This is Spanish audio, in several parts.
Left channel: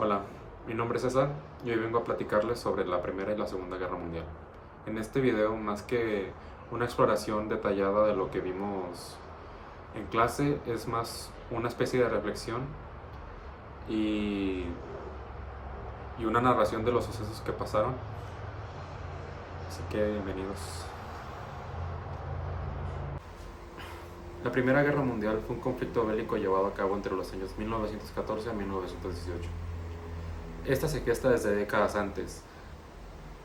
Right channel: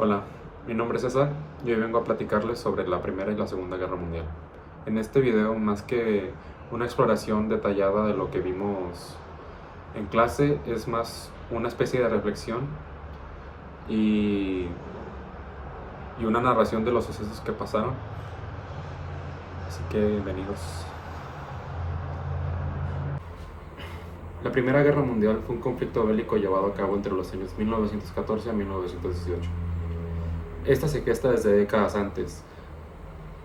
Hola, mi nombre es César y hoy vengo a platicarles sobre la Primera y la Segunda Guerra Mundial. En este video, más que una exploración detallada de lo que vimos en clase, es más una especie de reflexión y, y una narración de los sucesos que pasaron. Así que bienvenidos. La Primera Guerra Mundial fue un conflicto bélico llevado a cabo entre los años 1914 a 1918. Esta se gesta desde décadas antes,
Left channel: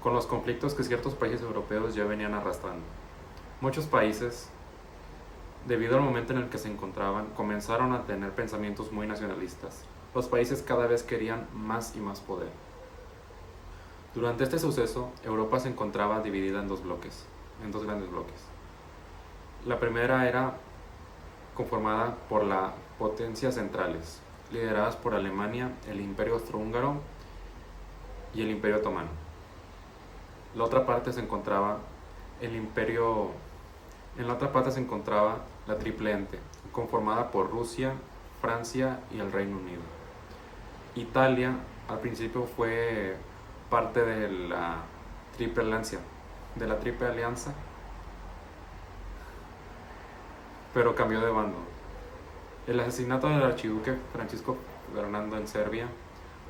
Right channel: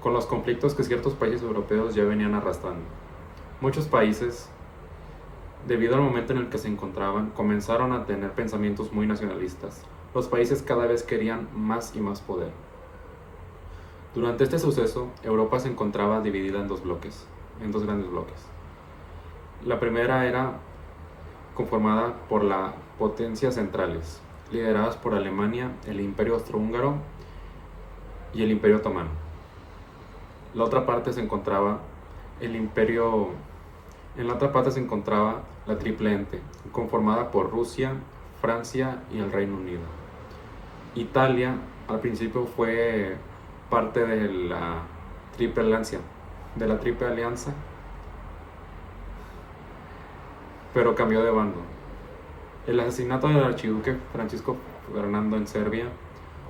con los conflictos que ciertos países europeos ya venían arrastrando. Muchos países, debido al momento en el que se encontraban, comenzaron a tener pensamientos muy nacionalistas. Los países cada vez querían más y más poder. Durante este suceso, Europa se encontraba dividida en dos grandes bloques. La primera era conformada por las potencias centrales, lideradas por Alemania, el Imperio Austrohúngaro y el Imperio Otomano. La otra parte se encontraba En la otra parte se encontraba la Triple Ente, conformada por Rusia, Francia y el Reino Unido. Italia al principio fue parte de la Triple Alianza, pero cambió de bando. El asesinato del archiduque Francisco Fernando en Serbia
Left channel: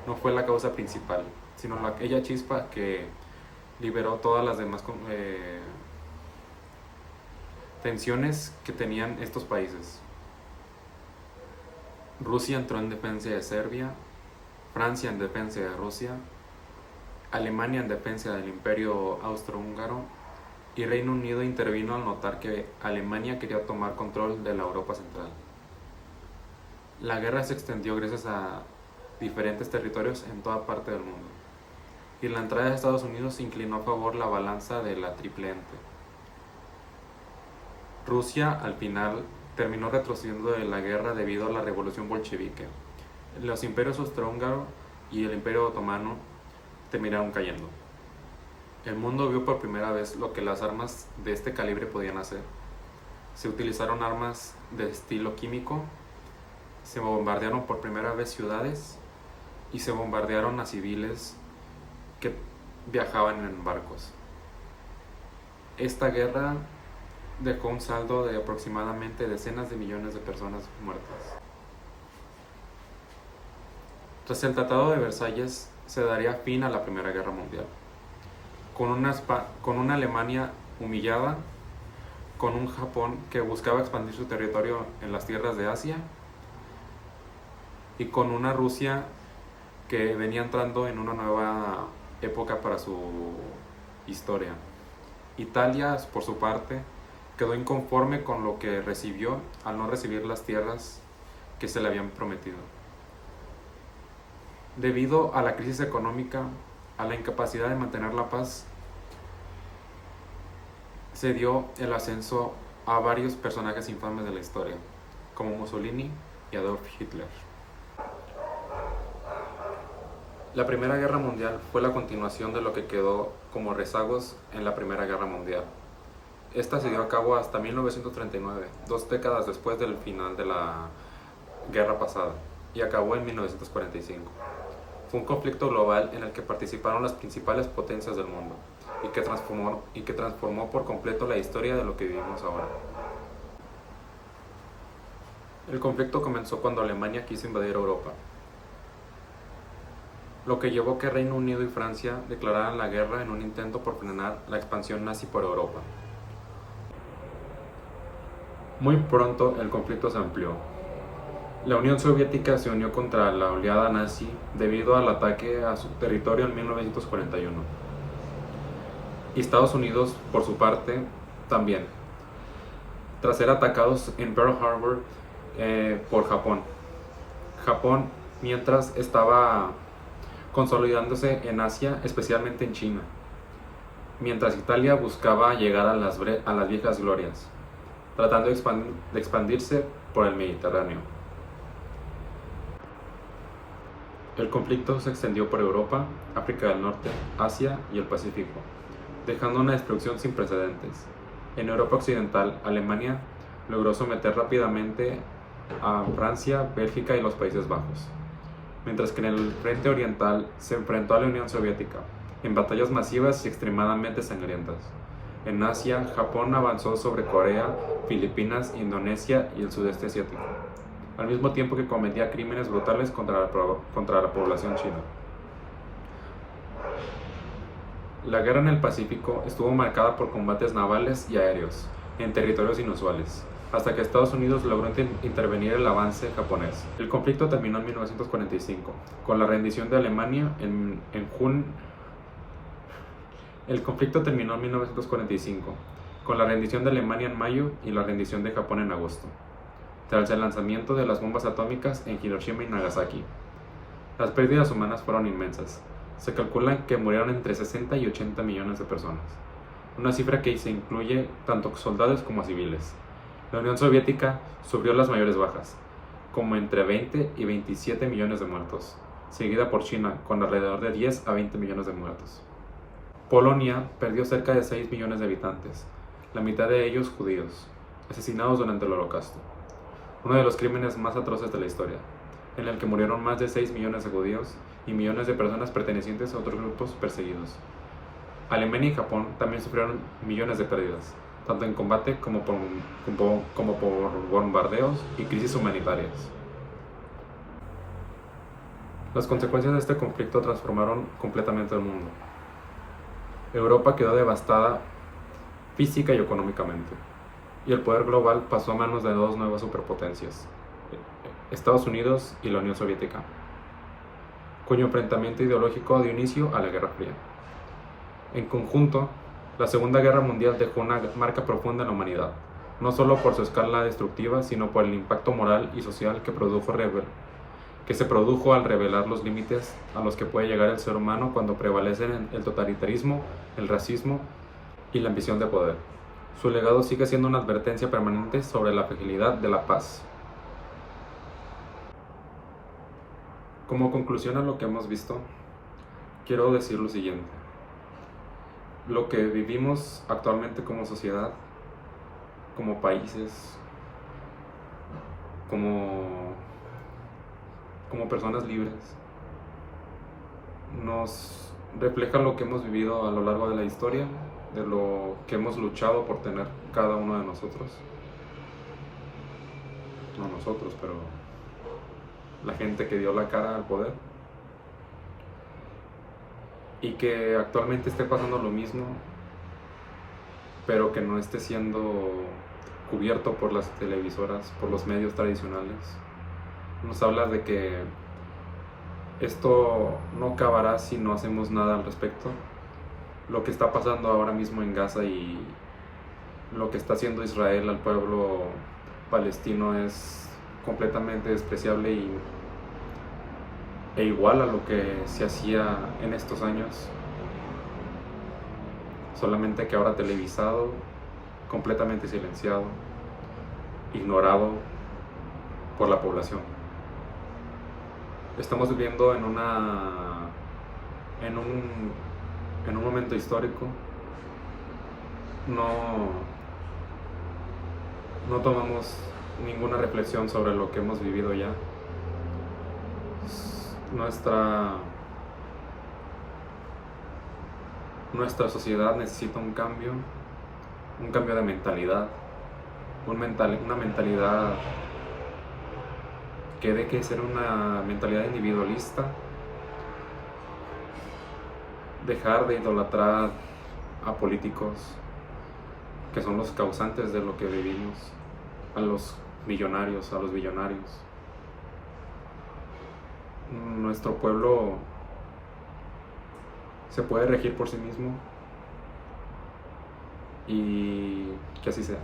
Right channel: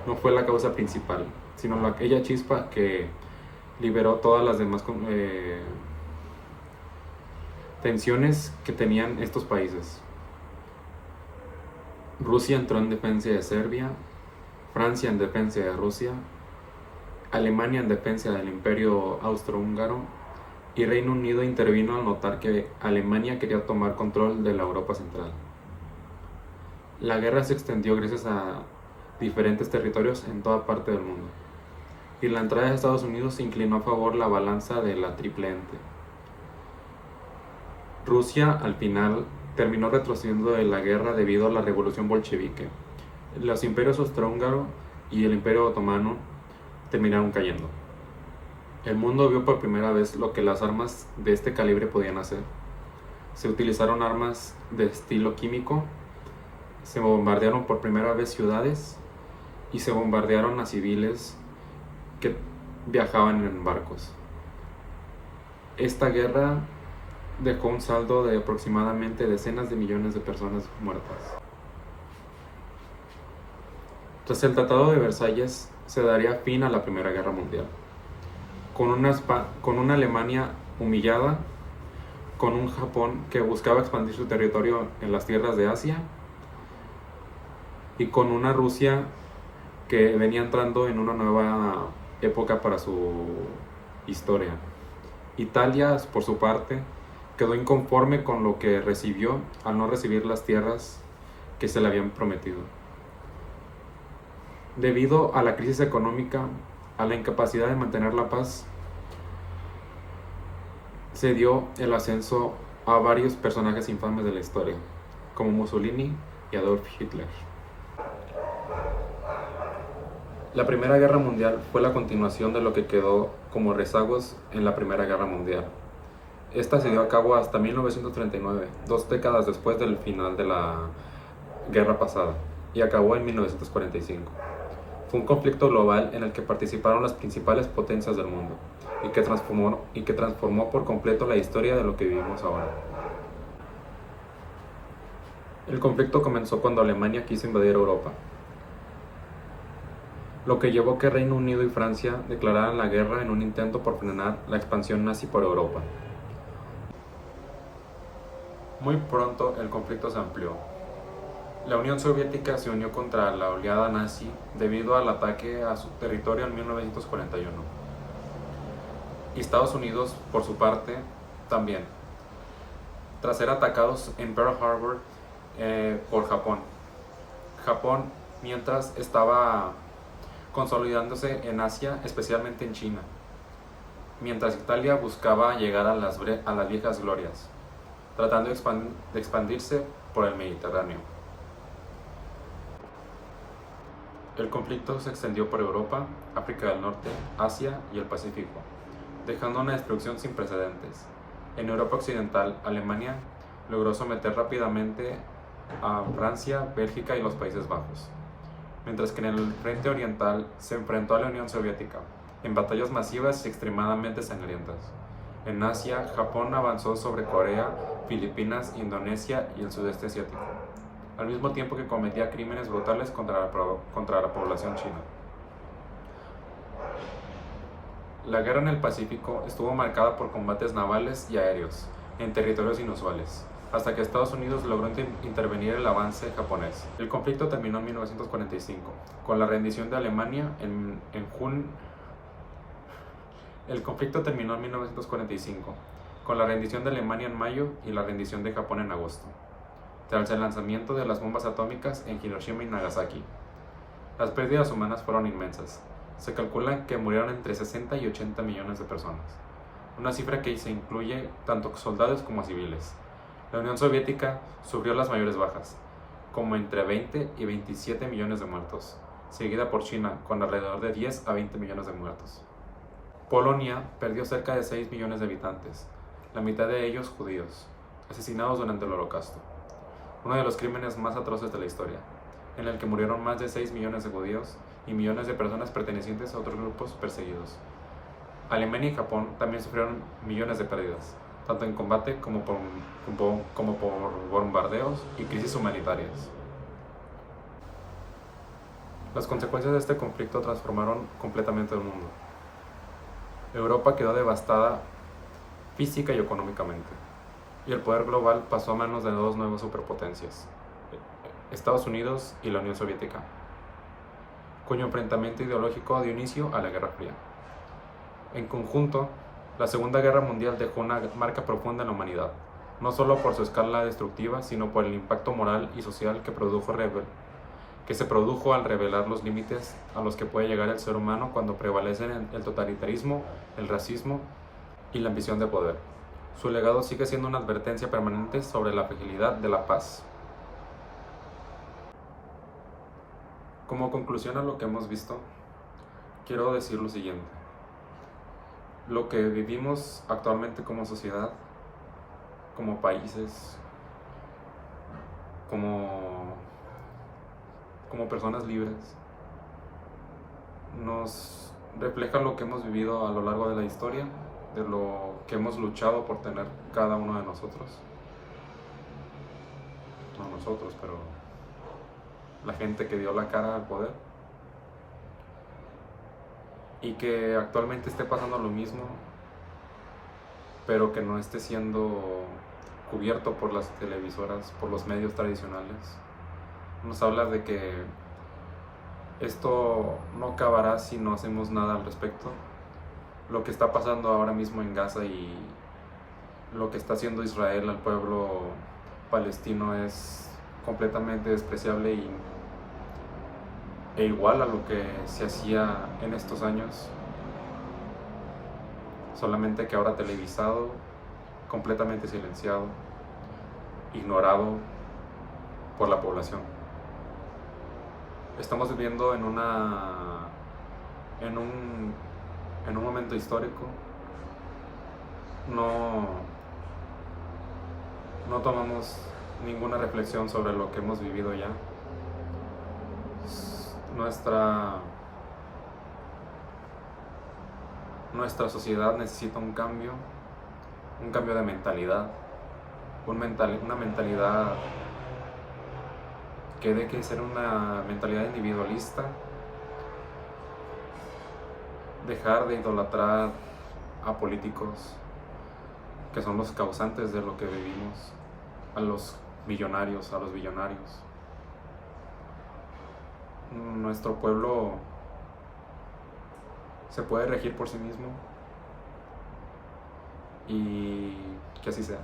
no fue la causa principal, sino aquella chispa que liberó todas las demás tensiones que tenían estos países. Rusia entró en defensa de Serbia, Francia en defensa de Rusia, Alemania en defensa del Imperio Austrohúngaro y Reino Unido intervino al notar que Alemania quería tomar control de la Europa central. La guerra se extendió gracias a diferentes territorios en toda parte del mundo, y la entrada de Estados Unidos se inclinó a favor la balanza de la Triple Ente. Rusia al final terminó retrocediendo de la guerra debido a la revolución bolchevique. Los imperios austrohúngaro y el imperio otomano terminaron cayendo. El mundo vio por primera vez lo que las armas de este calibre podían hacer. Se utilizaron armas de estilo químico, se bombardearon por primera vez ciudades y se bombardearon a civiles que viajaban en barcos. Esta guerra dejó un saldo de aproximadamente decenas de millones de personas muertas. Tras el Tratado de Versalles se daría fin a la Primera Guerra Mundial, con una Alemania humillada, con un Japón que buscaba expandir su territorio en las tierras de Asia y con una Rusia que venía entrando en una nueva época para su historia. Italia, por su parte, quedó inconforme con lo que recibió al no recibir las tierras que se le habían prometido. Debido a la crisis económica, a la incapacidad de mantener la paz, se dio el ascenso a varios personajes infames de la historia, como Mussolini y Adolf Hitler. La Primera Guerra Mundial fue la continuación de lo que quedó como rezagos en la Primera Guerra Mundial. Esta se dio a cabo hasta 1939, 2 décadas después del final de la guerra pasada, y acabó en 1945. Fue un conflicto global en el que participaron las principales potencias del mundo y que transformó por completo la historia de lo que vivimos ahora. El conflicto comenzó cuando Alemania quiso invadir Europa, lo que llevó a que Reino Unido y Francia declararan la guerra en un intento por frenar la expansión nazi por Europa. Muy pronto el conflicto se amplió. La Unión Soviética se unió contra la oleada nazi debido al ataque a su territorio en 1941. Y Estados Unidos, por su parte, también, tras ser atacados en Pearl Harbor por Japón. Japón, mientras, estaba consolidándose en Asia, especialmente en China, mientras Italia buscaba llegar a las viejas glorias, tratando de expandirse por el Mediterráneo. El conflicto se extendió por Europa, África del Norte, Asia y el Pacífico, dejando una destrucción sin precedentes. En Europa Occidental, Alemania logró someter rápidamente a Francia, Bélgica y los Países Bajos. mientras que en el frente oriental se enfrentó a la Unión Soviética, en batallas masivas y extremadamente sangrientas. En Asia, Japón avanzó sobre Corea, Filipinas, Indonesia y el sudeste asiático, al mismo tiempo que cometía crímenes brutales contra la población china. La guerra en el Pacífico estuvo marcada por combates navales y aéreos, en territorios inusuales, hasta que Estados Unidos logró intervenir el avance japonés. El conflicto terminó en 1945, con la rendición de Alemania El conflicto terminó en 1945, con la rendición de Alemania en mayo y la rendición de Japón en agosto, tras el lanzamiento de las bombas atómicas en Hiroshima y Nagasaki. Las pérdidas humanas fueron inmensas. Se calcula que murieron entre 60 y 80 millones de personas, una cifra que se incluye tanto soldados como civiles. La Unión Soviética sufrió las mayores bajas, como entre 20 y 27 millones de muertos, seguida por China, con alrededor de 10 a 20 millones de muertos. Polonia perdió cerca de 6 millones de habitantes, la mitad de ellos judíos, asesinados durante el Holocausto, uno de los crímenes más atroces de la historia, en el que murieron más de 6 millones de judíos y millones de personas pertenecientes a otros grupos perseguidos. Alemania y Japón también sufrieron millones de pérdidas, tanto en combate como por bombardeos y crisis humanitarias. Las consecuencias de este conflicto transformaron completamente el mundo. Europa quedó devastada física y económicamente, y el poder global pasó a manos de dos nuevas superpotencias, Estados Unidos y la Unión Soviética, cuyo enfrentamiento ideológico dio inicio a la Guerra Fría. En conjunto, la Segunda Guerra Mundial dejó una marca profunda en la humanidad, no solo por su escala destructiva, sino por el impacto moral y social que se produjo al revelar los límites a los que puede llegar el ser humano cuando prevalecen el totalitarismo, el racismo y la ambición de poder. Su legado sigue siendo una advertencia permanente sobre la fragilidad de la paz. Como conclusión a lo que hemos visto, quiero decir lo siguiente. Lo que vivimos actualmente como sociedad, como países, como personas libres, nos refleja lo que hemos vivido a lo largo de la historia, de lo que hemos luchado por tener cada uno de nosotros. No nosotros, pero la gente que dio la cara al poder. Y que actualmente esté pasando lo mismo, pero que no esté siendo cubierto por las televisoras, por los medios tradicionales. Nos habla de que esto no acabará si no hacemos nada al respecto. Lo que está pasando ahora mismo en Gaza y lo que está haciendo Israel al pueblo palestino es completamente despreciable e igual a lo que se hacía en estos años, solamente que ahora televisado, completamente silenciado, ignorado por la población. Estamos viviendo en un momento histórico. No tomamos ninguna reflexión sobre lo que hemos vivido ya. Nuestra sociedad necesita un cambio de mentalidad, una mentalidad que deje de ser una mentalidad individualista, dejar de idolatrar a políticos que son los causantes de lo que vivimos, a los millonarios, a los billonarios. Nuestro pueblo se puede regir por sí mismo y que así sea.